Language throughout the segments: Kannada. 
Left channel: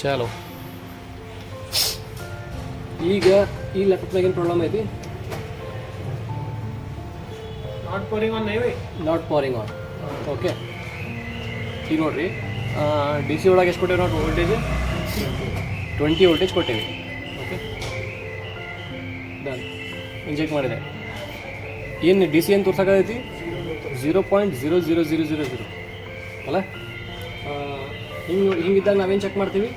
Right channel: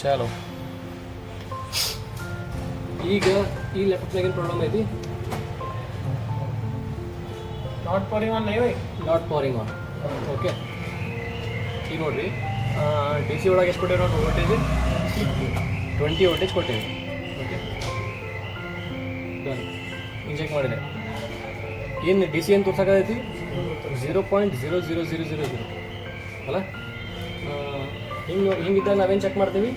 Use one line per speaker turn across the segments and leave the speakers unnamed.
ಚಲೋ ಈಗ ಈ ಲ್ಯಾಪ್ಟಾಪ್ದಾಗ ಏನು ಪ್ರಾಬ್ಲಮ್ ಐತಿ?
ನಾಟ್ ಪೋರಿಂಗ್ ಆನ್ ನೈವೇ
ನಾಟ್ ಪೋರಿಂಗ್ ಆನ್ ಓಕೆ ಈಗ ನೋಡ್ರಿ ಡಿ ಸಿ ಒಳಗೆ ಎಷ್ಟು ಕೊಟ್ಟೇವೆ ನಾವು ವೋಲ್ಟೇಜ್ ಟ್ವೆಂಟಿ ವೋಲ್ಟೇಜ್ ಕೊಟ್ಟೇವೆ. ಓಕೆ ಡನ್ ಇಂಜೆಕ್ಟ್ ಮಾಡಿದೆ. ಏನು ಡಿ ಸಿ ಏನು ತೋರ್ಸೋಕೈತಿ zero point zero zero zero zero zero ಅಲ್ಲ ಹಿಂಗೆ ಹಿಂಗಿದ್ದಾಗ ನಾವೇನು ಚೆಕ್ ಮಾಡ್ತೀವಿ?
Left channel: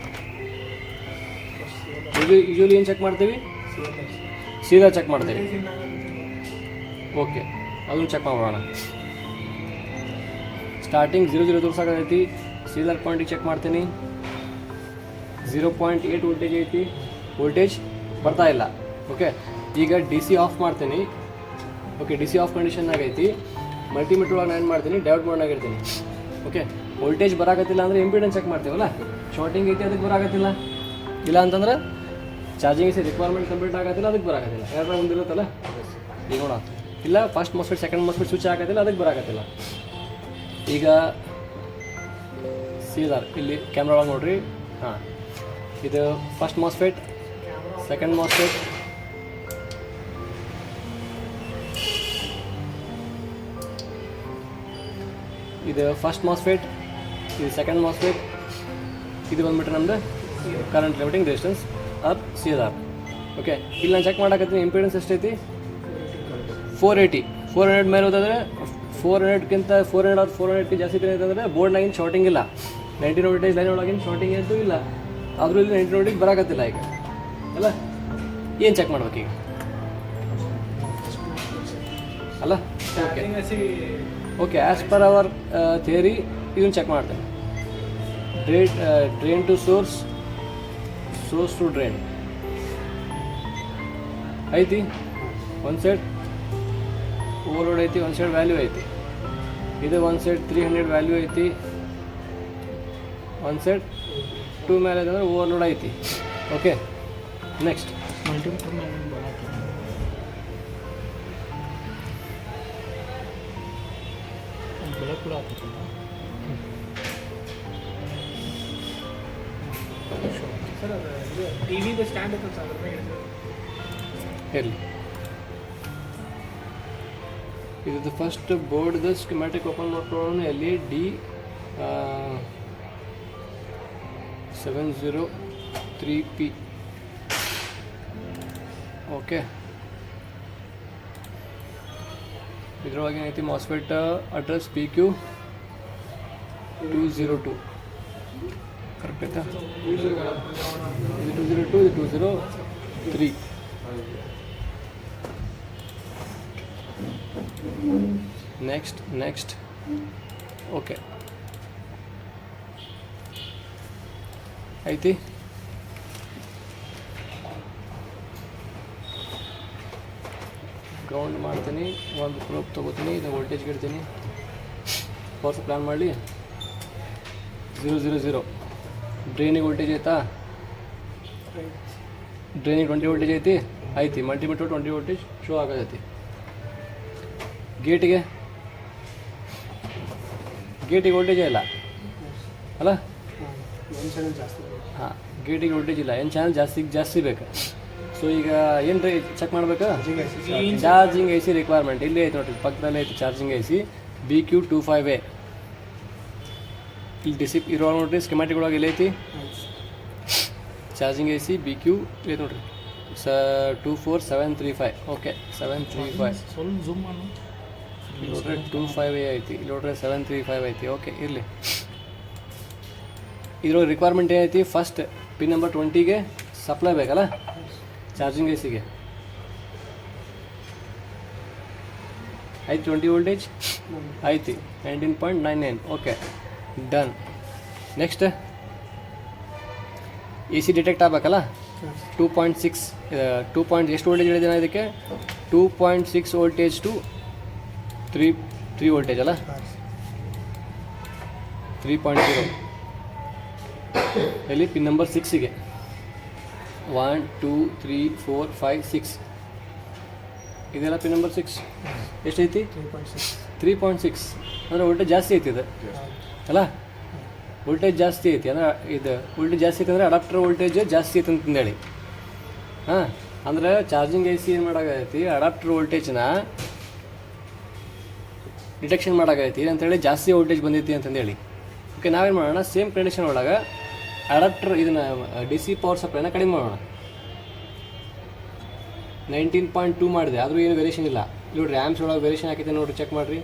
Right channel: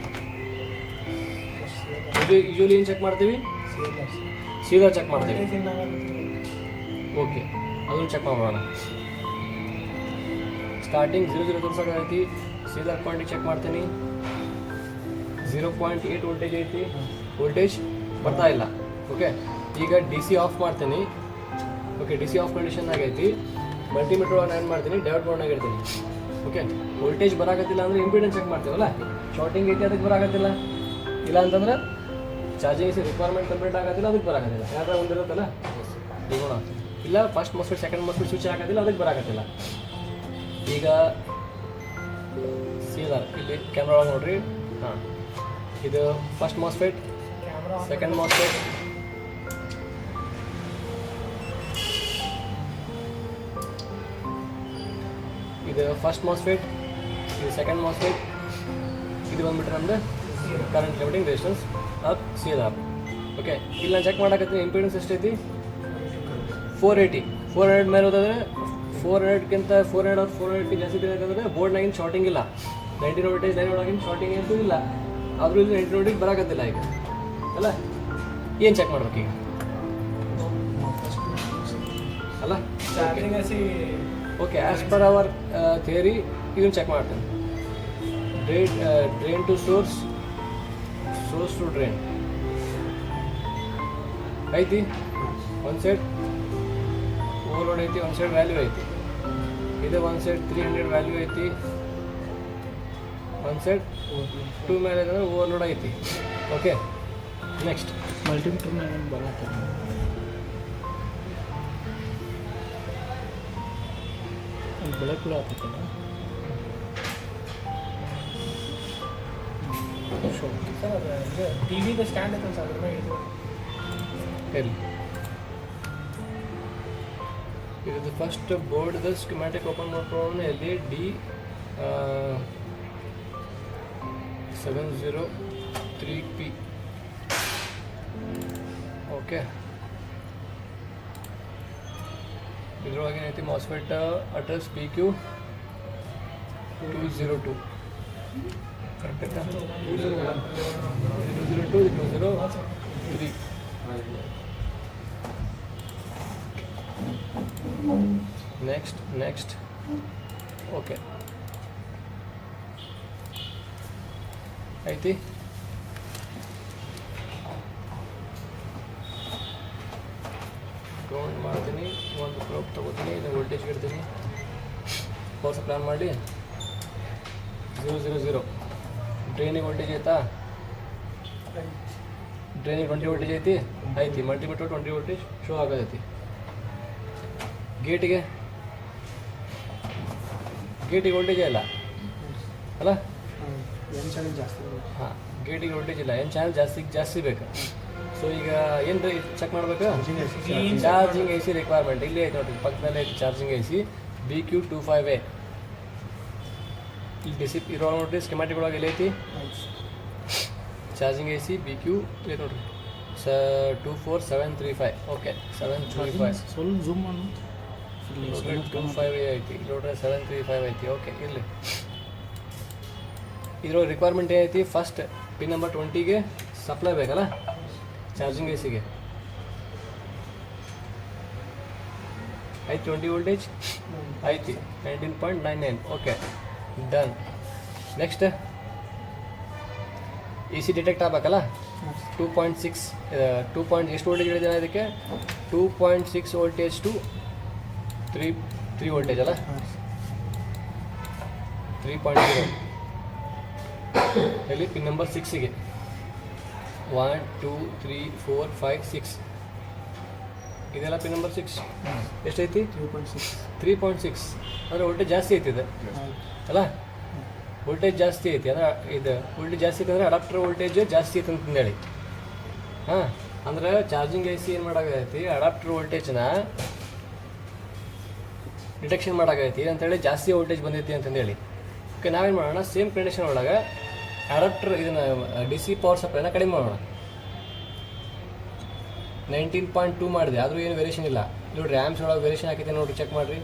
ಯೂಶಲಿ ಏನು ಚೆಕ್ ಮಾಡ್ತೀವಿ? ಸೀದಾ ಚೆಕ್ ಮಾಡ್ತೀವಿ. ಓಕೆ ಅದನ್ನು ಚೆಕ್ ಮಾಡೋಣ ಸ್ಟಾರ್ಟಿಂಗ್ ಜೀರೋ ಜೀರೋ ತೋರ್ಸಾಕೈತಿ ಸೀದಾ ಪಾಯಿಂಟಿಗೆ ಚೆಕ್ ಮಾಡ್ತೀನಿ. ಝೀರೋ ಪಾಯಿಂಟ್ ಏಯ್ಟ್ ವೋಲ್ಟೇಜ್ ಐತಿ. ವೋಲ್ಟೇಜ್ ಬರ್ತಾ ಇಲ್ಲ. ಓಕೆ ಈಗ ಡಿ ಸಿ ಆಫ್ ಮಾಡ್ತೀನಿ. Okay D C off condition ಆಗೈತಿ ಮಲ್ಟಿಮೀಟರ್ ಒಳಗೆ ಏನು ಮಾಡ್ತೀನಿ? ಡೈವರ್ಟ್ ಮಾಡೋಣ ಇರ್ತೀನಿ ಓಕೆ ವೋಲ್ಟೇಜ್ ಬರಾಕತ್ತಿಲ್ಲ ಅಂದರೆ ಇಂಪಿಡೆನ್ಸ್ ಚೆಕ್ ಮಾಡ್ತೀವಲ್ಲ? ಶಾರ್ಟಿಂಗ್ ಐತಿ ಅದಕ್ಕೆ ಬರಾಗತ್ತಿಲ್ಲ ಇಲ್ಲ ಅಂತಂದ್ರೆ ಚಾರ್ಜಿಂಗ್ ರಿಕ್ವೈರ್ಮೆಂಟ್ ಕಂಪ್ಲೀಟ್ ಆಗತ್ತಿಲ್ಲ ಅದಕ್ಕೆ ಬರಾಕತ್ತಿಲ್ಲ. ಯಾಕಂದ್ರೆ ಒಂದಿರುತ್ತಲ್ಲ ಇಲ್ಲ first MOSFET second MOSFET switch ಆಗೋದಿಲ್ಲ, ಅದಕ್ಕೆ ಬರಾಕತ್ತಿಲ್ಲ. ಈಗ ಸೀದಾ ಇಲ್ಲಿ ಕ್ಯಾಮ್ರಾ ನೋಡ್ರಿ. ಹಾಂ, ಇದು ಫಸ್ಟ್ ಮೊಸ್ಫೆಟ್ ಸೆಕೆಂಡ್ ಮೋಸ್ಫೆಟ್ ಇದು ಫಸ್ಟ್ ಮಾಸ್ಫೇಟ್ ಇದು ಸೆಕೆಂಡ್ ಮಾಸ್ಫೇಟ್ ಇದು ಬಂದ್ಬಿಟ್ರೆ ನಮ್ದು current limiting resistance of C R okay ಇಲ್ಲಿ ನಾನು ಚೆಕ್ ಮಾಡಕತ್ತೀನಿ ಇಂಪಿಡೆನ್ಸ್ ಎಷ್ಟೈತಿ? ಫೋರ್ ಏಯ್ಟಿ ಫೋರ್ ಹಂಡ್ರೆಡ್ ಮೇಲೆ ಹೋದ್ರೆ four ಹಂಡ್ರೆಡ್ಗಿಂತ four hundred or four hundred ಜಾಸ್ತಿ ಅಂತಂದರೆ ಬೋರ್ಡ್ನಾಗಿನ ಶಾರ್ಟಿಂಗ್ ಇಲ್ಲ. ನೈಂಟಿ ವೋಲ್ಟೇಜ್ ಲೈನ್ ಒಳಗಿನ ಶಾರ್ಟಿಂಗ್ ಅಂತೂ ಇಲ್ಲ. ಆದರೂ ಇಲ್ಲಿ ನೈಂಟೀನ್ ವೋಲ್ಟೇಜ್ ಬರಾಕತ್ತಿಲ್ಲ ಈಗ. ಅಲ್ಲ, ಏನು ಚೆಕ್ ಮಾಡ್ಬೇಕು ಈಗ ಅಲ್ಲ okay as per our theory even check ಮಾಡ್ತೀನಿ drain drain to source source to drain ಐತಿ ಒಂದು ಸೈಡ್ ಓವರ್ಲೋಡ್ ಐತಿ ಒಂದು ಸೈಡ್ ವ್ಯಾಲ್ಯೂ ಐತಿ ಇದು ಒಂದು ಸೈಡ್ ತ್ರೀ ಹಂಡ್ರೆಡ್ ವ್ಯಾಲ್ಯೂ ಐತಿ ಒಂದು ಸೈಡ್ ಟೂ ಐತೆ ಅಂದ್ರೆ ಓವರ್ಲೋಡ್ ಐತಿ ಓಕೆ ನೆಕ್ಸ್ಟ್
ಮಲ್ಟಿಮೀಟರ್ ಬೆಳೆ ಕೂಡ ಆಗ್ತೈತಲ್ಲ ಸರ್ ಇದು ಟಿ ವಿದು ಸ್ಟ್ಯಾಂಡ್ ಐತೆ ಸರ್.
ಇರಲಿ ಇದು first board schematic open L E D seven zero three P okay ಇದ್ರೊಳಗೆ ಏನೈತಿ MOSFET address P Q two zero two correct ಆಯ್ತಾ two zero two two zero three next next okay ಐತಿ ಮಾಡ್ತೀನಿ ಒಂದು ಪ್ರೂಫ್ ತೊಗೋತೀನಿ ಇದು ವೋಲ್ಟೇಜ್ ಇಡ್ತೀನಿ. ಫೋರ್ಸ್ ಪ್ಲ್ಯಾನ್ ಮಾಡಲಿ ಝೀರೋ ಝೀರೋ ಝೀರೋ ಡ್ರೈನಿಗೆ ವೋಲ್ಟೇಜ್ ಆಯ್ತಾ? ಡ್ರೈನಿಗೆ ಟ್ವೆಂಟಿ ವೋಲ್ಟೇಜ್ ಐತಿ? ಐತಿ ಮಲ್ಟಿಮೀಟರ್ ಟ್ವೆಂಟಿ ವೋಲ್ಟೇಜ್ ಶೋ ಆಗೋದೈತಿ ಗೇಟಿಗೆ ಗೇಟಿಗೆ ವೋಲ್ಟೇಜೇ ಇಲ್ಲ? ಅಲ್ಲ?
ಜಾಸ್ತಿ.
ಹಾಂ. ಗೇಟಿಗೆ ವೋಲ್ಟೇಜ್ ಇಲ್ಲ. ಏನು ಚಾನಲ್ ಜಾಸ್ತಿ ಜಾಸ್ತಿ ಬೇಕು. ಸೊ ಈಗ ಏನು ರೀ ಚೆಕ್ ಮಾಡಬೇಕು? ಚಾರ್ಜಿಂಗ್ ಐ ಸಿ ರಿಕ್ವೈರ್ಮೆಂಟ್ ಇಲ್ಲೇ ಐತೆ ನೋಡಿರಿ ಪಕ್ಕದಲ್ಲೇ ಐತಿ charging I C B Q two five A ಇಲ್ಲಿ ಡಿಸಿಪ್ ಇರೋ ನೋಡ್ರಿ ಸ್ಕಿಮ್ಯಾಟಿಕ್ ಒಳಗೆ ಎಲ್ಲೈತಿ. Charging I C B Q ಐತೆ ನೋಡ್ರಿ. ಸ two four seven three five okay seven three five
ಸ್ವಲ್ಪ ಝೂಮ್ ಮಾಡು.
ಟೂ ಫೈವ್ ಎ ಐತಿ. ಇಲ್ಲಿ ನೋಡ್ರಿ ಸೆವೆನ್ ತ್ರೀ ಫೈವ್ ಐತಿ. ಓಕೆ ಇರಲಿ. ಇದ್ರ ರಿಕ್ವೈರ್ಮೆಂಟ್ ಏನೈತಿ ಫಸ್ಟ್ ಪಿನ್ ನಂಬರ್ ಟ್ವೆಂಟಿಗೆ ಸಪ್ಲೈ ಬೇಕಲ್ಲ? ಚಾರ್ಜಿಂಗ್ ಐಸಿಗೆ ಐತಿ ಟ್ವೆಂಟಿ ವೋಲ್ಟೇಜ್ ಐತಿ nineteen point nine nine okay done next A C detect ಆಗಬೇಕಲ್ಲ? Two point six two point ಎಷ್ಟು ವೋಲ್ಟೇಜ್ ಹೇಳಿದೆ ನಾನು ಇದಕ್ಕೆ? Two point six voltage to three three voltage ಅಲ್ಲ? ತ್ರೀ ಪಾಯಿಂಟ್ ಜೀರೋ ಎಲ್ಲಿ pin number ಸಿಕ್ಸಿಗೆ one two three four five six ಇದೆಲ್ಲ ಪಿನ್ ನಂಬರ್ ಸಿಕ್ಸ್ ಎಷ್ಟೈತಿ?
ತ್ರೀ ಪಾಯಿಂಟ್ ಸಿಕ್ಸ್
ಅಂದರೆ ವೋಲ್ಟೇಜ್ ಜಾಸ್ತಿ ಐತಿ ಇದು. ಅಲ್ಲ? ವೋಲ್ಟೇಜ್ ಜಾಸ್ತಿ ಐತಿ. ಅಂದ್ರೆ ಇದು ವೋಲ್ಟೇಜ್ ಜಾಸ್ತಿ ಐತಿ ಅಂದರೆ ಅಡಾಪ್ಟರ್ ವೋಲ್ಟೇಜ್ ಜಾಸ್ತಿ ಐತಿ ಅಂತಂದೇಳಿ. ಹಾಂ? ಅಂದ್ರೆ ಚಾರ್ಜಿಂಗ್ ಎ ಸಿ ಏನು ಮಾಡೋಕ್ಕಾಗೈತಿ ಅಡಾಪ್ಟರ್ ವೋಲ್ಟೇಜ್ನ ಡಿಟೆಕ್ಷನ್ ಮಾಡೋಕ್ಕಾಗೈತಿ ಅಂತೇಳಿ ಜಾಸ್ತಿ ವೋಲ್ಟೇಜ್ ಬಂದೈತಿ ಅಂತಂದೇಳಿ. ಓಕೆ ನಾವೇನು ಮಾಡೋಣ? ಸೇಮ್ ಕಂಡೀಷನ್ ಒಳಗೆ ಅಡಾಪ್ಟರ್ ಇದನ್ನ ಡಿ ಸಿ ಪವರ್ ಸಪ್ಲೈನ ಕಡಿಮೆ ಮಾಡೋಣ. ನೈನ್ಟೀನ್ ಪಾಯಿಂಟ್ ಟೂ ಮಾಡಿದೆ, ಆದರೂ ಏನು ವೇರಿಯೇಷನ್ ಇಲ್ಲ. ನೋಡಿ ರ್ಯಾಮ್ಸ್ ಒಳಗೆ ವೇರಿಯೇಷನ್ ಹಾಕಿದೆ ನೋಡ್ರಿ ಚೆಕ್ ಮಾಡಿರಿ.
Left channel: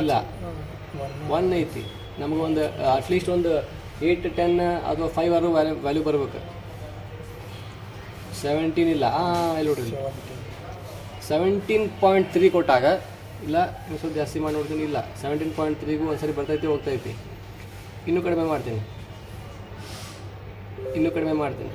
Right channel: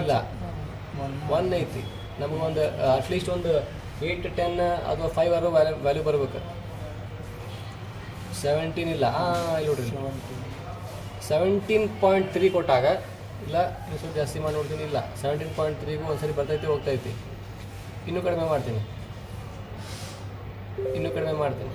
ಇಲ್ಲ. ಒನ್ ಐತಿ ಒಂದು ಅಟ್ಲೀಸ್ಟ್ ಒಂದು ಏಯ್ಟ್ ಟೆನ್ ಅಥವಾ ಫೈವ್ ಆರು ವ್ಯಾಲ್ಯೂ ವ್ಯಾಲ್ಯೂ ಬರಬೇಕು. ಸೆವೆಂಟೀನ್ ಇಲ್ಲ. ಇಲ್ಲಿ ನೋಡ್ರಿ. ಸೆವೆಂಟೀನ್ ಪಾಯಿಂಟ್ ತ್ರೀ ಕೊಟ್ಟಾಗ, ಇಲ್ಲ ಸ್ವಲ್ಪ ಜಾಸ್ತಿ ಮಾಡಿ ನೋಡ್ತೀನಿ, ಇಲ್ಲ. ಸೆವೆಂಟೀನ್ ಪಾಯಿಂಟ್ ತ್ರೀಗೂ ಒಂದ್ಸರಿ ಬರ್ತೈತಿ, ಹೋಗ್ತೈತಿ. ಇನ್ನೂ ಕಡಿಮೆ ಮಾಡ್ತೀನಿ. ಇನ್ನೂ ಕಡಿಮೆ ಮಾಡ್ತೀನಿ.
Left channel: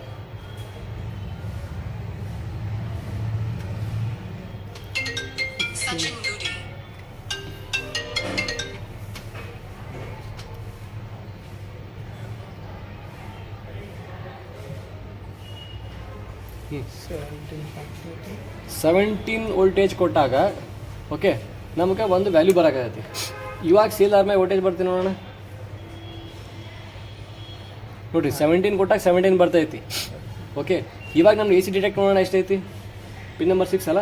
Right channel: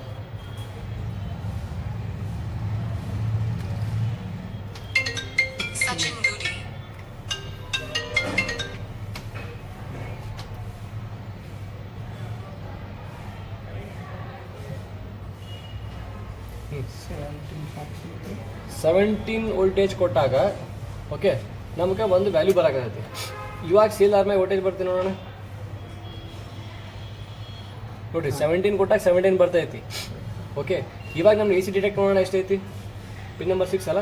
ಸೆವೆಂಟೀನ್
ವೋಲ್ಟೇಜ್ ಕೊಟ್ಟಾಗ ಓಕೆ ನಮಗೆ ಒಂದು ವ್ಯಾಲ್ಯೂ ಬರೋಕೈತಿ ಇವಾಗ ಸೇಲ್ ಆದ್ಮೇಲೆ ವೋಲ್ಟೇಜ್ ಬರ್ತೀನಿ ನೋಡೋಣ. ನೋಡಿರಿ ಸೆವೆಂಟೀನ್ ಕೊಟ್ಟಾಗ ಸೆವೆಂಟೀನ್ ಬರ್ತೈತಿ. ಓಕೆ ಇವಾಗ ನಮ್ಗೆ ಎ ಸಿ ಡಿಟೆಕ್ಟ್ ಮಾಡೋಣ ಎಷ್ಟೈತಿ? ಪಿನ್ ನಂಬರ್ ಸಿಕ್ಸ್ ಅಲ್ಲ?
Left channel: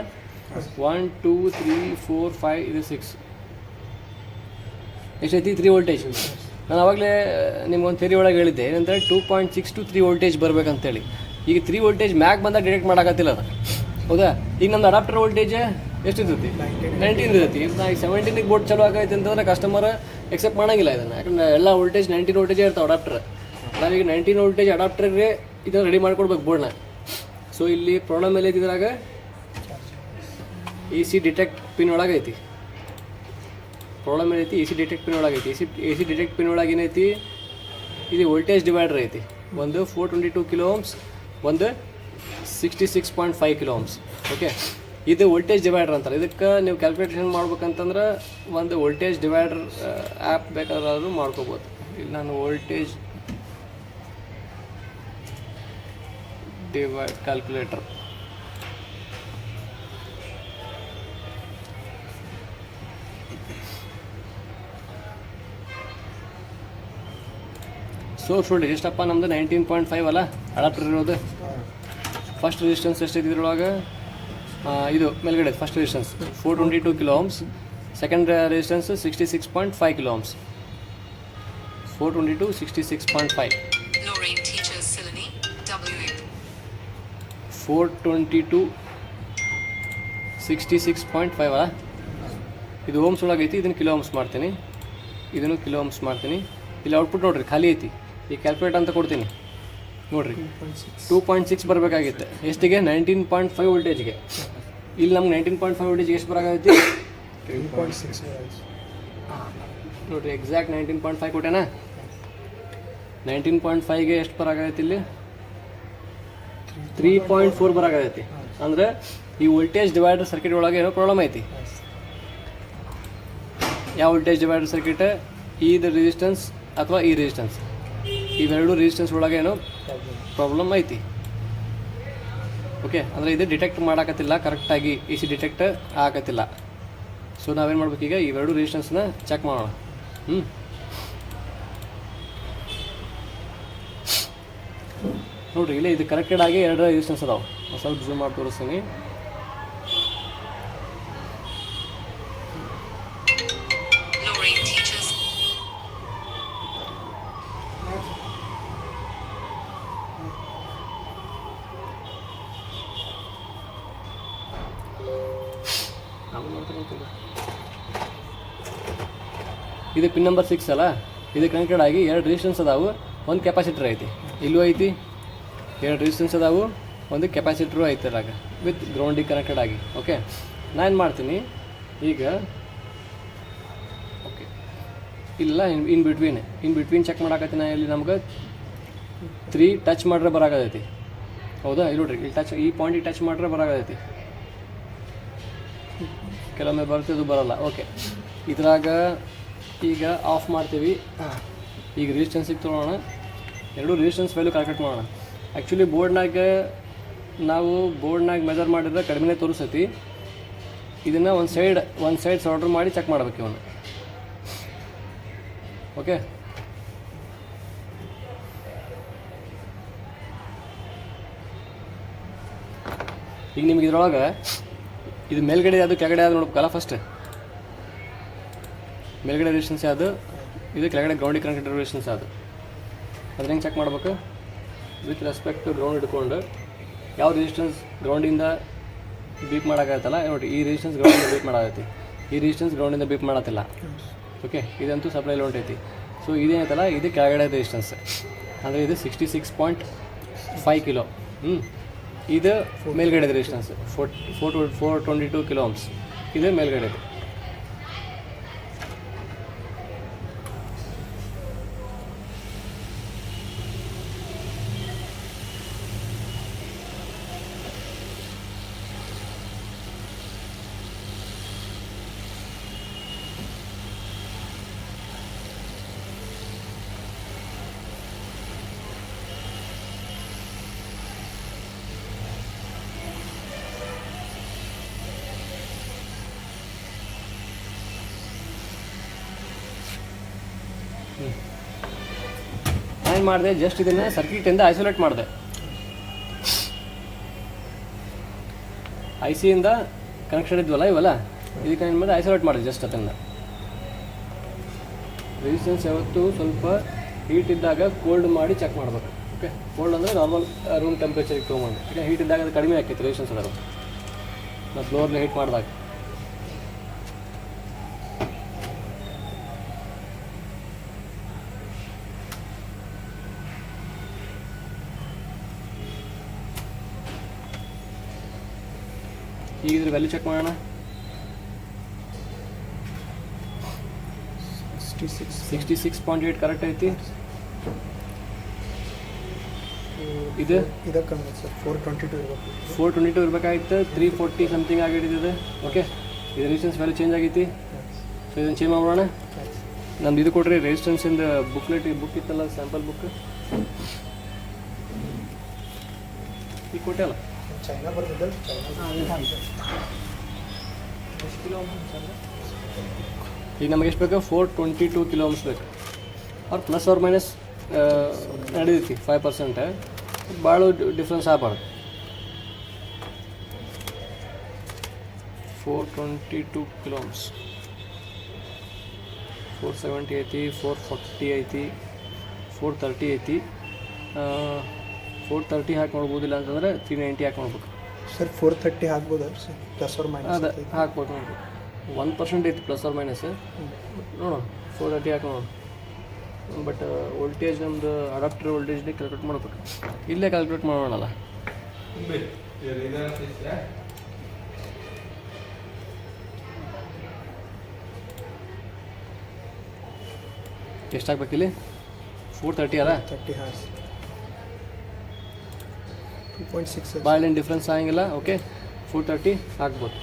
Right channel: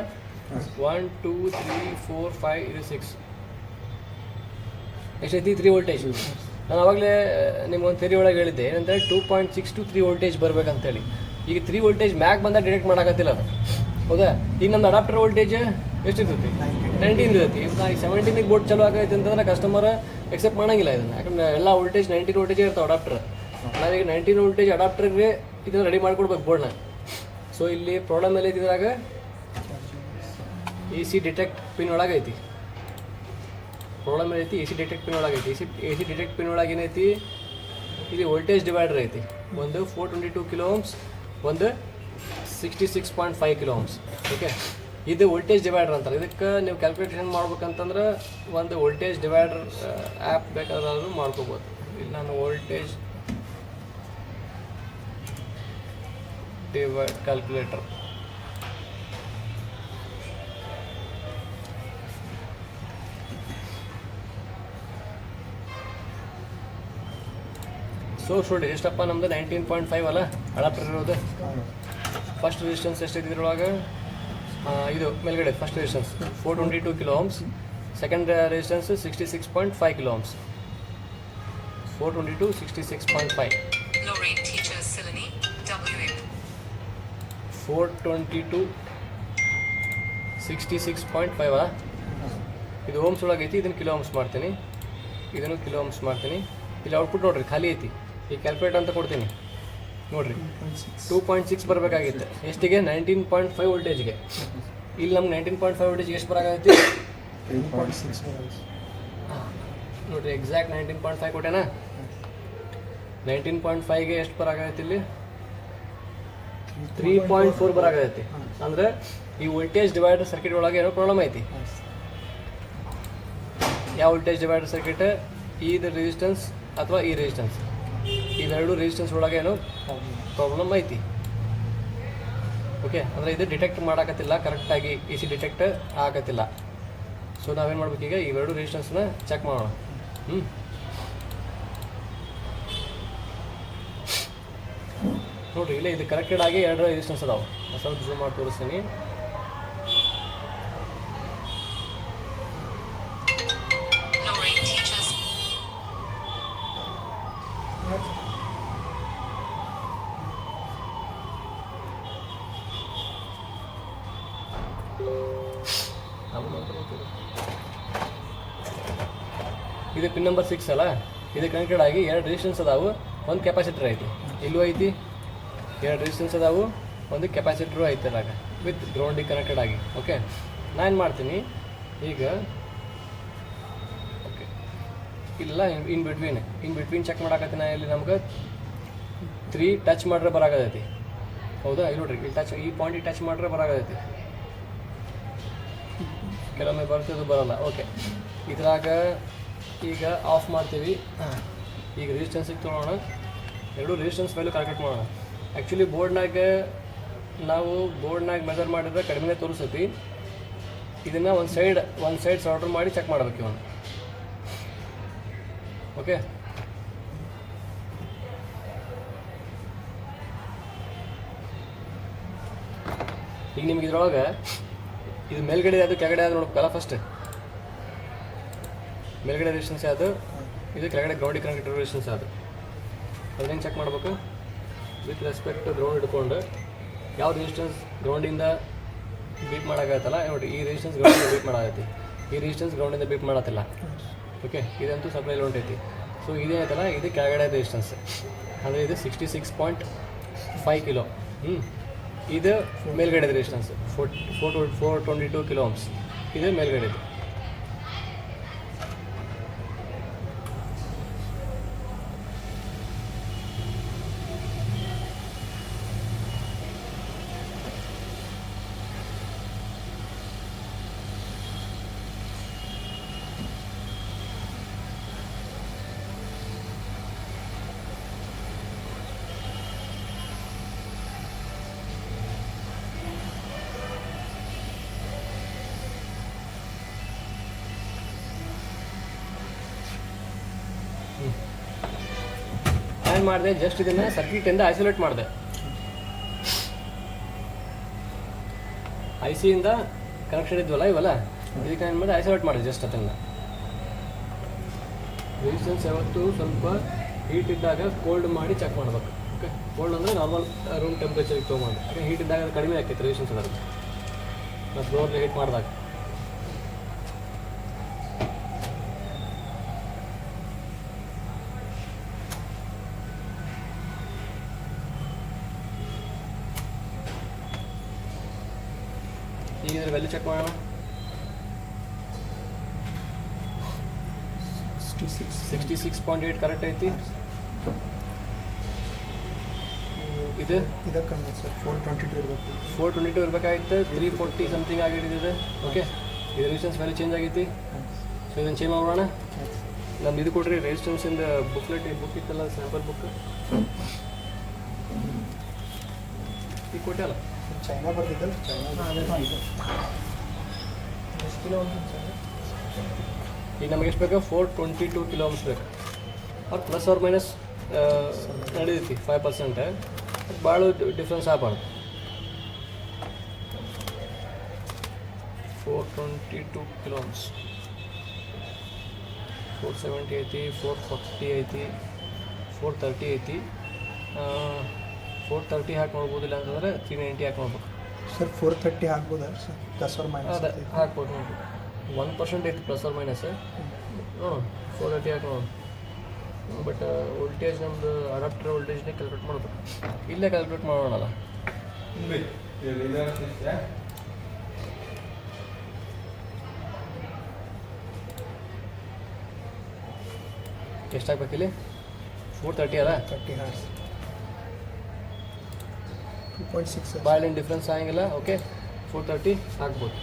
One two three four five ಇದು ಸಿಕ್ಸ್ ಎಷ್ಟೈತಿ? ತ್ರೀ ವೋಲ್ಟೇಜ್ ನಾನು ಆವಾಗಲೇ ನಿಮ್ಗೊಂದು ಥೆರಿ ಒಳಗೆ ಹೇಳಿದ್ದೆ. ಏನಂದರೆ two point six two three voltage ಬರಬೇಕಂತೇಳಿ. ಈಗ ತ್ರೀ ವೋಲ್ಟೇಜ್ ಮ್ಯಾಕ್ ಬಂದಾಗ ಡಿಟೆಕ್ಟ್ ಮಾಡೋಕತ್ತಿಲ್ಲ ಅದು. ಹೌದಾ? ಈಗ ನಮ್ದು ಅಡಾಪ್ಟರ್ ವೋಲ್ಟೇಜ್ ಎಷ್ಟಿರ್ತೈತಿ? ನೈಂಟೀನ್ ಇರ್ತೈತಿ. ಈಗ ಸೆವೆಂಟೀನಿಗೆ ಬೋರ್ಡ್ ಚಲೋ ಆಗೈತೆ ಅಂತಂದ್ರೆ ಕಸ್ಟಮರ್ ಎಕ್ಸೆಪ್ಟ್ ಮಾಡೋಂಗಿಲ್ಲ ಇದನ್ನು. ಯಾಕಂದ್ರೆ ಎಲ್ಲ ವೋಲ್ಟೇಜ್ ನೈನ್ಟೀನ್ ವೋಲ್ಟೇಜ್ ಇರ್ತಾವೆ ಅಡಾಪ್ಟರ್ ನಾವೀಗ ನೈನ್ಟೀನ್ ವೋಲ್ಟೇಜ್ ಅಡಾಪ್ಟರ್ಗೆ ಇದನ್ನು ರೆಡಿ ಮಾಡ್ಕೊಡ್ಬೇಕು ಬೋರ್ಡ್ನ ಸೊ ಇಲ್ಲಿ ಪ್ರಾಬ್ಲಮ್ ಎಲ್ಲ ಇದ್ದಿದ್ರಾಗ ಎ ಸಿ ಡಿಟೆಕ್ಟ್ ಪಿನ್ ಒಳಗೈತಿ ಪ್ರಾಬ್ಲಮ್ ಏನೈತಿ A C detect pin ಒಳಗೈತಿ A C A C detect pin ಒಳಗೆ ಏನೈತಿ ಇದು ವೋಲ್ಟೇಜ್ ಡಿವೈಡರ್ ಐತಿ. ಒಂದು four twenty two kilo ohms ಒಂದು sixty six point five kilo ohms okay ಇದು ವೋಲ್ಟೇಜ್ ಡಿವೈಡರ್ ಅಂತಾರೆ ಇದಕ್ಕೆ ನೀವು ಕ್ಯಾಲ್ಕುಲೇಷನ್ ಮಾಡ್ಬೇಕಂತಂದ್ರೆ ಒಂದು ವೋಲ್ಟೇಜ್ ಡಿವೈಡರ್ ಆ್ಯಪ್ ಬೇಕಾದ್ರೂ ಮಾಡ್ಕೋಬೋದು. ಇಲ್ಲಿ, ನಾನು ವೋಲ್ಟೇಜ್ ಡಿವೈಡ್ ಕ್ಯಾಲ್ಕುಲೇಟರ್ ಸೊ ನೋಡಿ ಎಷ್ಟಪ್ಪ ನಮ್ದು ನೈನ್ಟೀನ್ ಪಾಯಿಂಟ್ ಫೈವ್ ಅಲ್ಲ? ಅಡಾಪ್ಟರ್ ಇರೋದು? ಫಸ್ಟ್ ರೆಸಿಸ್ಟೆನ್ಸ್ ಎಷ್ಟಿದೆ ಇದ್ರೊಳಗೆ ಇದು ಮೇಲ್ಗಡೆ first resistance four twenty two kilo ohms second resistance sixty six point five kilo ohms four twenty two
sixty six point five
four twenty two sixty six point ಫೈವಾ ಇದು ಓಮ್ಸ್ ಒಳಗೆ ಐತಿ ಇದನ್ನು ಕಿಲೋ ಓಮ್ಸ್ ಮಾಡ್ತೀನಿ. ಇದನ್ನು ಕಿಲೋ ಓಮ್ಸ್ ಮಾಡ್ತೀನಿ. ಇಲ್ಲಿ ಔಟ್ಪುಟ್ ನೋಡ್ರಿ, ಖಾಲಿ ಐತಿ. ಈ ಕ್ಯಾಲ್ಕುಲೇಟ್ ಅಂತ ಕೊಡ್ತೀನಿ. ನೋಡ್ರಿ ಟೂ ಪಾಯಿಂಟ್ ಸಿಕ್ಸ್ ಬರಬೇಕಾಗಿತ್ತು. ಎಷ್ಟಿಗೆ? ನೈನ್ಟೀನ್ ಪಾಯಿಂಟ್ ಫೈವ್ ವೋಲ್ಟೇಜ್ಗೆ ಇಲ್ಲಿ ನಮ್ಗೆ ನೈನ್ಟೀನ್ ಪಾಯಿಂಟ್ ಫೈವ್ ವೋಲ್ಟೇಜ್ ಎಷ್ಟು ಬರಾಕೈತಿ ನೋಡ್ರಿ ಎಕ್ಸಾಕ್ಟ್ ನೈನ್ಟೀನ್ ಪಾಯಿಂಟ್ ಫೈವ್ ಕೊಟ್ಟೆನಾ? ನೈನ್ಟೀನ್ ಪಾಯಿಂಟ್ ಫೈವ್ಗೆ ಎಷ್ಟು ಬರೋಕ್ಕಾಗತ್ತೆ ಇಲ್ಲಿ? ತ್ರೀ ಪಾಯಿಂಟ್ ಫೋರ್ ಬರಾಕೈತಿ ಅಂದ್ರೆ ಈ ವೋಲ್ಟೇಜ್ ಡಿವೈಡರ್ ಸರ್ಕ್ಯೂಟ್ ಒಳಗೆ ಏನೋ ಪ್ರಾಬ್ಲಮ್ ಐತಿ. ಯಾವ ವೋಲ್ಟೇಜ್ ಡಿವೈಡರ್ ಸರ್ಕ್ಯೂಟ್ ಇದು ರೆಸಿಸ್ಟೆನ್ಸ್ ಅಥವಾ ಈ ರೆಸಿಸ್ಟೆನ್ಸ್ ಇವೆರಡು ರೆಸಿಸ್ಟೆನ್ಸ್ ಒಳಗೆ ಏನೋ ಪ್ರಾಬ್ಲಮ್ ಐತಿ. ಓಕೆ ಅಂದರೆ ಇದು ಡಿಟೆಕ್ಟ್ ಮಾಡಾಕತ್ತಿಲ್ಲ. ಕರೆಕ್ಟಾಗಿ ಎ ಸಿ ಡಿಟೆಕ್ಟ್ ಆಗತ್ತಿಲ್ಲ. ಸೊ ನಾವೇನು ಮಾಡ್ಬೇಕೀಗ? ಇವೆರಡು ರೆಸಿಸ್ಟೆನ್ಸ್ನ ಚೆಕ್ ಮಾಡೋಣ. ಹ್ಞೂ ನೋಡ್ರಿ ಇಲ್ಲಿ ಇದು ಕರೆಕ್ಟೆಡ್ ಆಗಿ ಎರಡು ರೆಸಿಸ್ಟೆನ್ಸ್ ಅದಾವೆ. ಸ್ವಲ್ಪ ಜೂಮ್ ಮಾಡಿ ತೋರಿಸ್ತೀನಿ. ಇದು ಪಿನ್ ನಂಬರ್ ಸಿಕ್ಸ್ ಅಲ್ಲ? ಇದು ಕನೆಕ್ಟೆಡ್ ಆಗಿ ಎರಡು ರೆಸಿಸ್ಟೆನ್ಸ್ ಅದಾವು. ಒಂದು ಕೆಪಾಸಿಟರ್ ಐತಿ. ಇಲ್ಲೂ ಐತಿ ಎರಡು ರೆಸಿಸ್ಟೆನ್ಸ್ ಅದಾವು. ಒಂದು ಕೆಪಾಸಿಟ್ರು ಐತೆ ಅದಾಗ ವಿತ್ ಗ್ರೌಂಡಿಗೆ ಕನೆಕ್ಟೆಡ್ ಆಗಿ ಓಕೆ ನಾನು ಮಾಡ್ತೀನಿ ಈಗ ಓಕೆ ಇಲ್ಲ in between in between check ಮಾಡಾಕತ್ತೀನಿ ನಾ ಇಲ್ಲಿ ನಮ್ಗೆ ತ್ರೀ ಟಚ್ ಮಾಡ್ರೆ ಬರಾಗತೈತಿ ಹೌದಾ? ಇಲ್ಲಿ ನೋಡ್ರಿ ಇಲ್ಲಿ ಟಚ್ ಈ ಪಾಯಿಂಟಿಗೆ ಟಚ್ ಮಾಡ್ರೆ ಬರಾಗತೈತಿ ಕೆಲವೊಮ್ಮೆ ಬರ್ತದೆ ಬರೋಲ್ಲ ಓಕೆ ಇದ್ರಾಗ ಈಗ ಆಫ್ ಮಾಡ್ತೀವಿ. ಈಗ ರಿಜಿಸ್ಟೆನ್ಸಿಗೆ ತೊಗೊಳೋಣ ಎರಡು ರಿಜಿಸ್ಟೆನ್ಸ್ ವ್ಯಾಲ್ಯೂ ಕರೆಕ್ಟ್ ಮಾಡೋಣ. ಆ್ಯಕ್ಚುಲಿ ಬೋರ್ಡ್ನಾಗ ನಾವು ಬೋರ್ಡ್ನಾಗ ಮೆಜರ್ ಮಾಡಿದ್ರೆ ಕಡಿಮೆ ತೋರಿಸತಿ ಇದನ್ನು ಒಂದು ಸೈಡ್ ಒಂದು ಸೈಡ್ ಸಾರ್ಡರ್ ಮಾಡಿ ಚೆಕ್ ಮಾಡ್ಬೇಕು ಇವನು. ಓಕೆ ಈಗ ನಿಮ್ಗೆ ಇದ್ರೊಳಗೆ ಇದು ಮೇಲ್ಗಡೆ ಅದು ಕೆಳಗಡೆ ಅದು ನೋಡ್ಬೇಕಲ್ಲ ಫಸ್ಟ್ ಮೇಲ್ಗಡೆ ರಿಲೇಷನ್ಸ್ ಅದು ಇದು ಕೆಳಗಡೆ ಗ್ರೌಂಡ್ ಕನೆಕ್ಟೆಡ್ ರಿಲೇಷನ್ಸ್ ಅದು ಅದ್ರ ಹೆಂಗೆ ಚೆಕ್ ಮಾಡ್ಬೇಕು? ವಿತ್ ರೆಸ್ಪೆಕ್ಟ್ ಟು ಗ್ರೌಂಡ್ ಇಟ್ಕೊಂಡು ಯಾವ ರೆಸಿಸ್ಟೆನ್ಸ್ ಗ್ರೌಂಡಿಂದ ಬೀಟ್ ಮಾಡೋಕ್ಕಾಗತ್ತಲ್ಲ, ನೋಡಿ, ಈ ರೆಸಿಸ್ಟೆನ್ಸ್ ಗ್ರೌಂಡಿಂದ ಬೀಟ್ ಮಾಡಾಗತ್ತೆ ಈ ರೆಸಿಸ್ಟೆನ್ಸ್ ಗ್ರೌಂಡಿಂದ ಬೀಟ್ ಮಾಡತ್ತಿಲ್ಲ. ಓಕೆ ಇದಂತೂ ಸಪ್ಲೈಲಿ ಹೊಂಟೈತಿ ಸೊ ಇದೇನೈತಲ್ಲ ಇದು ಕೆಳಗಡೆ ರೆಸಿಸ್ಟೆನ್ಸ್ ಅಂದರೆ ಇದು sixty six point five kilo ಹ್ಞೂ ಇದು ಮೇಲ್ಗಡೆ resistance four four two four twenty two kilo ಇದು ಮೇಲ್ಗಡೆ ಏನು ಮಾಡಿದೆ ಜಸ್ಟ್ ಇದನ್ನು ಸರ್ಕ್ಯೂಟಿಂದ ಐಸೋಲೇಟ್ ಮಾಡಿದೆ. ಐ ಸಿಯಿಂದ ಕನೆಕ್ಷನ್ ಇದ್ವಲ್ಲ ಇವಲ್ಲ? ಇದಕ್ಕೆ ಏನು ಮಾಡಿದೆ? ಐಸೋಲೇಟ್ ಮಾಡಿದೆ ಜಸ್ಟ್ ಅದನ್ನು. ರೆಸಿಸ್ಟೆನ್ಸ್ ಯಾವತ್ತು ಸ್ವಲ್ಪ ಹೀಟ್ ಇದ್ದಾಗ ಕೋಲ್ಡ್ ಮಾಡಿ ಚೆಕ್ ಮಾಡಬೇಕು. ಓಕೆ ಕೋಲ್ಡ್ ಅಂದರೆ ನಾರ್ಮಲ್ ರೂಮ್ ಟೆಂಪ್ರೇಚರ್ಗೆ ತೊಗೊಂಡು ಯಾಕೆ ಹೀಟ್ ಇದ್ದಾಗ ಅದು ಕಡಿಮೆ ಆಕೈತೆ ರೆಸಿಸ್ಟೆನ್ಸ್ ಅದರ ಮತ್ತು ಫ್ಲೋರ್ನ ಹೀಟ್ ಮಾಡಿದಾಗ. ವ್ಯಾಲ್ಯೂ ಚೆಕ್ ಮಾಡೋಣ sixty six point eight correct ಐತಿ? ಇದು?
ಇದಕ್ಕೆ ಕಮ್ಮಿ ಸರ್. ಫೋರ್ ಟ್ವೆಂಟಿ ಟು ಇರಬೇಕು.
ಫೋರ್ ಟ್ವೆಂಟಿ ಟು ಇರಬೇಕಾಗಿತ್ತು ತ್ರೀ ಫೋರ್ಟಿ ಸಮಥಿಂಗ್ ಆಗಿಟ್ಟಿದೆ ಓಕೆ ಇದು ರೆಸಿಸ್ಟೆನ್ಸ್ ವ್ಯಾಲ್ಯೂ ಚೇಂಜ್ ಆಗೈತಿ. ಸೊ ಇದನ್ನು ಚೇಂಜ್ ಮಾಡೋಣ ನಮ್ದು ಇದು ಕೊಡ್ರಿ ರೆಸಿಸ್ಟೆನ್ಸಿಂದ ಬುಕ್ಲೆಟ್ ಬುಕ್ ಇತ್ತಲ್ಲ ಸ್ಯಾಂಪಲ್ ಬುಕ್ ಈಗ ಕೊಟ್ಟೆ ಅಲ್ಲ?
ಚೈನಾ ಬರ್ತಿದ್ದಲ್ಲ ಚೈನಾ ಎಷ್ಟು ಕಿಲೋ ಸರ್
ಈಗ ನಮಗೆ ಎಷ್ಟು ಬೇಕು four twenty two kilo ohms ಬೇಕು ಅವ್ರು ಪ್ಲಸ್ ಅವ್ರ ಮೈನಸ್ ನಡೀತೈತಿ ಫೈವ್ ಪರ್ಸೆಂಟ್ ಭಾಳ ಡಿಫ್ರೆನ್ಸ್ ಆಗಬಾರ್ದು four twenty two kilo ohms four seventy ಐತಿ ಫೋರ್ ಫಾರ್ಟಿ ಐತಿ ಫೋರ್ ತರ್ಟಿ ಐತಿ ಫೋರ್ ತರ್ಟಿ ಹಾಕಿ ನೋಡ್ಬೋದಿಲ್ಲ ಅಂತಂದರೆ ತ್ರೀ ನೈಂಟಿ ಹಾಕಿ ನೋಡ್ಬೋದು
ಸರ್ ಫೋರ್ ತರ್ಟಿ ಹಾಕ್ಬೋದು? ಸರ್ ಪ್ಲಸ್ ಅವ್ರ ಮೈನಸ್
ಅದೇ ಹಾಕ್ಬೋದು ನೋಡಿ ಒನ್ ಪರ್ಸೆಂಟ್ ಐತಿ ಪ್ಲಸ್ ಆರ್ ಮೈನಸ್ ನೋಡೋಣ ಫೋರ್ ತರ್ಟಿ ಹಾಕಿ ನೋಡೋಣ ಬಟ್ ವೋಲ್ಟೇಜ್ ನಮ್ಮದು ಅಡಾಪ್ಟರ್ ವೋಲ್ಟೇಜ್ನೇ ಕ್ಯಾಲ್ಕುಲೇಟ್ ಮಾಡ್ಬೇಕು. ಇಲ್ಲೇ ಕ್ಯಾಲ್ಕುಲೇಟ್ ಮಾಡೋಣಲ್ಲ. ಎಷ್ಟು ಹಾಕ್ಬೇಕು ಇಲ್ಲಿ ಫೋರ್ ತರ್ಟಿ ಅಲ್ಲ
ತರ್ಟಿ ಹಾಂ ಟೂ ಪಾಯಿಂಟ್ ಸಿಕ್ಸ್
ಡಿಫ್ರೆನ್ಸ್ ಆಗಿಲ್ಲ ಓಕೆ ಫೋರ್ ತರ್ಟಿ ಹಾಕ್ಬೋದು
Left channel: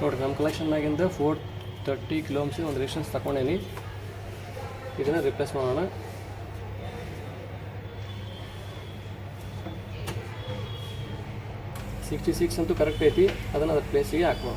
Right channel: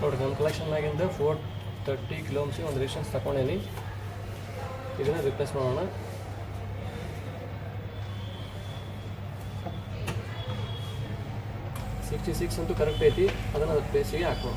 ನೋಡಿರಿ ನಮ್ಮ ಕಲೆಕ್ಷನ್ನಾಗಿಂದ ಫೋರ್ ತರ್ಟಿ ಕಿಲೋಮ್ಸ್ ಒಂದು ರಿಸ್ಟೆನ್ಸ್ ತಗೊಂಡೇನಿ. ಇದನ್ನು ರಿಪ್ಲೇಸ್ ಮಾಡೋಣ. ಸಿಕ್ಸ್ಟಿ ಸಿಕ್ಸ್ ಅಂತೂ ಕರೆಕ್ಟ್ ಐತಿ. ಅದನ್ನು ಪ್ಲೇಸಿಗೆ ಹಾಕೋಣ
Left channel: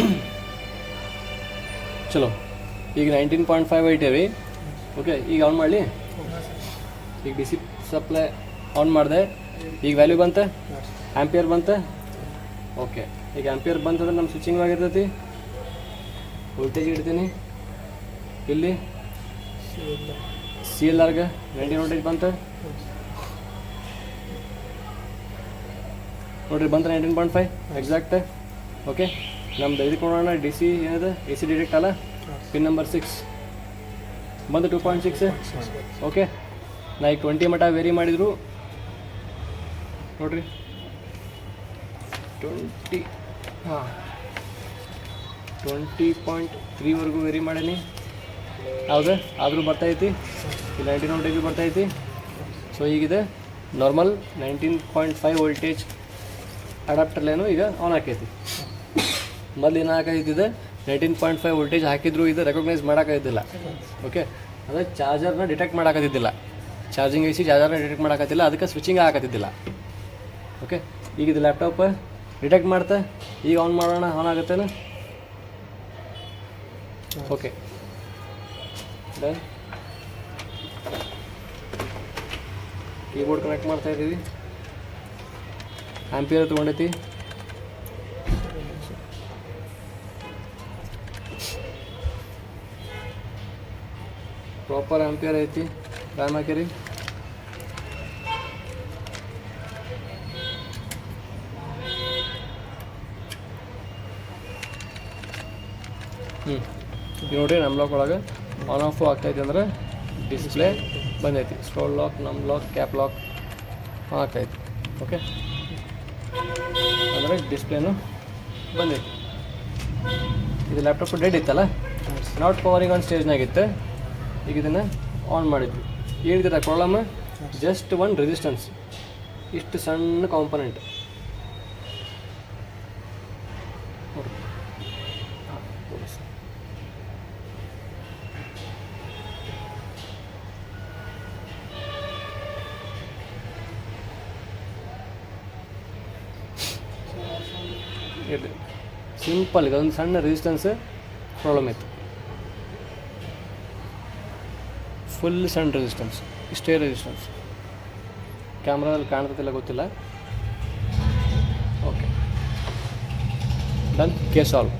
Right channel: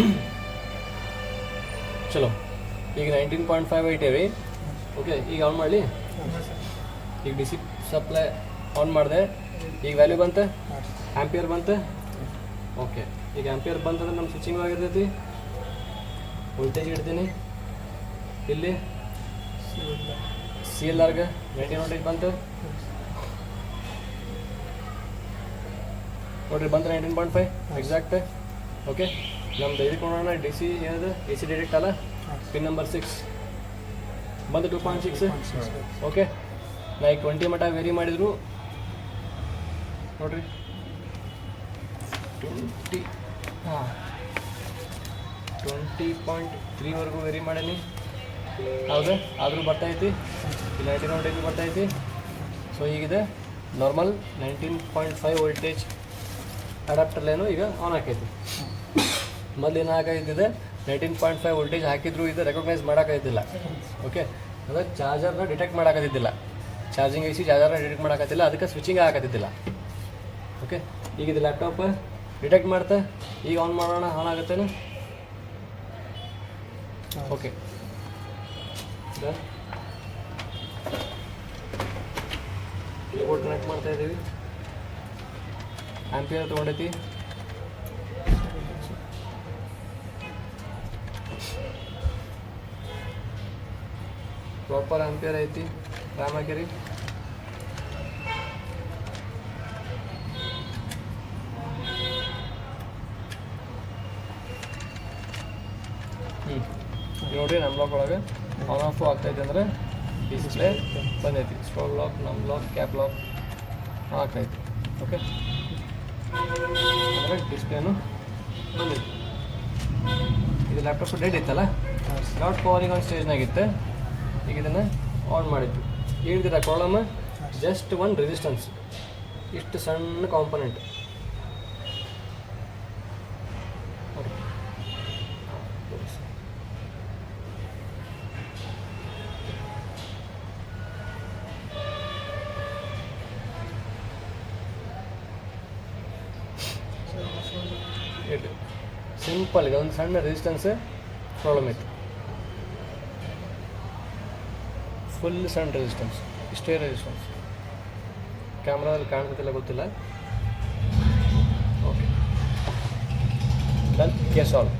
ಚಲೋ. ಈಗ ನೈನ್ಟೀನ್ ಪಾಯಿಂಟ್ ಫೈವ್ ಐಟೇವಿ ಓಕೆ ಈಗ ಆನ್ ಮಾಡಲಿ? ಈಗ ಡಿ ಸಪ್ಲೈ ಆನ್ ಮಾಡಿದೆ. ಈಗ ವ್ಯಾಲ್ಯೂ ಬಂತೆ? ಆ್ಯಂಪಿಯರ್ ಬಂತೆ? ಓಕೆ ಈಗ ಆ್ಯಂಪಿಯರ್ ಬಂತಂದ್ರೆ ನಮ್ಮ ಸ್ವಿಚಿಂಗ್ ಆಗಿರ್ತೈತಿ. ವೋಲ್ಟೇಜ್ ಇಡ್ತೀನಿ. ಇಲ್ಲಿ?
ಇಲ್ಲ
ಸಿ ಎಲ್ ಆರ್ಗೆ ನೈಂಟಿ ವೋಲ್ಟೇಜ್ ಬಂತೆ? ನೋಡ್ರಿ, ಬಂತು nineteen point five exact okay ನಮ್ದು ಇದಕ್ಕೆ ಡಿ ಸಿ ಏನಿದೆ? ಎ ಸಿ ಡಿರೆಕ್ಟ್ ಅಲ್ಲ? ಪಿನ್ ನಂಬರ್ ಸಿಕ್ಸ್ ಬಂದು ಟೂ ಪಾಯಿಂಟ್ ಸಿಕ್ಸ್ ಓಕೆ ನಾ ಈಗ ಟ್ವೆಂಟಿ ಮಟ ವೇರಿ ಮಾಡಿದ್ರು. ನೋಡ್ರಿ. ಟ್ವೆಂಟಿ ಹಾಂ. ಟ್ವೆಂಟಿ ಪಾಯಿಂಟ್ ತ್ರೀವರೆಗೂ ವೇರಿ ಮಾಡೀನಿ. ಹೌದಾ ಆದರೂ ಬರ್ತೈತಿ ಇಲ್ಲಿ ಒನ್ ವೋಲ್ಟೇಜ್ ಬರ್ತೈತಿ so ಈಗಿದೆ normal nineteen point five voltage ಅಡಾಪ್ಟರ್ಲೇನು ಈಗ ಆನ್ ಆಕೈತಿ ಮೊದಲು ಏನು ಹಾಕೈತಿದೆ ನೈನ್ಟೀನ್ ಪಾಯಿಂಟ್ ಫೈವ್ ವೋಲ್ಟೇಜ್ ಹಾಕಿದ್ರು ಇದು ರೆಕಗ್ನೈಸ್ ಮಾಡೋಕ್ಕಾಗ್ತಿಲ್ಲ ಓಕೆ ಅದೇ ಚಾರ್ಜರ್ನ ಡಿಟೆಕ್ಟ್ ಮಾಡೋಕ್ಕಾಗ್ತಿದ್ದಿಲ್ಲ ಚಾರ್ಜಿಂಗ್ ಐಸಿ ಚಾರ್ಜರ್ನ ಡಿಟೆಕ್ಟ್ ಮಾಡೋಕ್ಕಾಗ್ತಿಲ್ಲ ಅದಕ್ಕೆ ಸ್ವಿಚಿಂಗ್ ಆಗತ್ತಿದ್ದಿಲ್ಲ ಓಕೆ ಈಗ ಇದು ಲ್ಯಾಪ್ಟಾಪ್ ಡಿಟೆಕ್ಟ್ ಮಾಡ್ತೆ. ಈಗ ಆನ್ ಮಾಡೋಣ ಆನ್ ಆಗುತ್ತೇನು? ಓಕೆ ಕೀಬೋರ್ಡ್ ಕನೆಕ್ಟ್ ಮಾಡ್ತಾ ಇದ್ದೀವಿ ಆ್ಯಂಪಿಯರ್ ತೊಗೊಂಡೈತಿ. ಪ್ರಾಪರ್ ಆಂಪಿಯರ್ ಐತಿ, ರಾಮಗಿರಿ. ಹ್ಞೂ ನೋಡಿ ನಮ್ಮ ಲಾಕ್ ಒಳಗೆ. ಆನ್ ಆಫ್ ಆಗ್ತೈತಿ ಅಂದರೆ ಡಿಸ್ಪ್ಲೇ ಬಂದೈತಿ. ಸ್ಟೋಲ್ ಲಾಕ್ ನಮ್ಮ ಲಾಕ್ ಕ್ಯಾಪ್ ಲಾಕ್ ಆಗ್ತೈತಿ ಓಕೆ ಅಂದರೆ ಡಿಸ್ಪ್ಲೇನು ಬಂದೈತಿ. ಇದು ಲ್ಯಾಪ್ಟಾಪ್ ಡೇಟ್ ಇತ್ತಲ್ಲ ನಾಟ್ ಪವರಿಂಗ್ ಆನ್ ಸ್ಟೇಜ್ನಾಗಿತ್ತು ಈಗ ಇದನ್ನು ಆನ್ ಮಾಡಿದ್ವಿ. ಹೇಳಿದ್ರೆ ಪ್ರಾಬ್ಲಮ್ ಜಸ್ಟ್ ಒನ್ ರೆಸಿಸ್ಟೆನ್ಸ್ ಇಷ್ಟು ಸಣ್ಣ ಕಾಂಪೊನೆಂಟ್ ಸಿಂಪಲ್ ಒಂದು ಸಣ್ಣ ರೆಸಿಸ್ಟೆನ್ಸ್ ಪ್ರಾಬ್ಲಮ್ ಇತ್ತು. ಫುಲ್ ಸಣ್ಣ ರೆಸಿಸ್ಟೆನ್ಸ್ ಇಷ್ಟೇ ರೆಸಿಸ್ಟೆನ್ಸ್ ಕ್ಯಾಮ್ರಾದಲ್ಲಿ ಕಾಣ್ತಿಲ್ಲ ಗೊತ್ತಿಲ್ಲ. Okay done case solve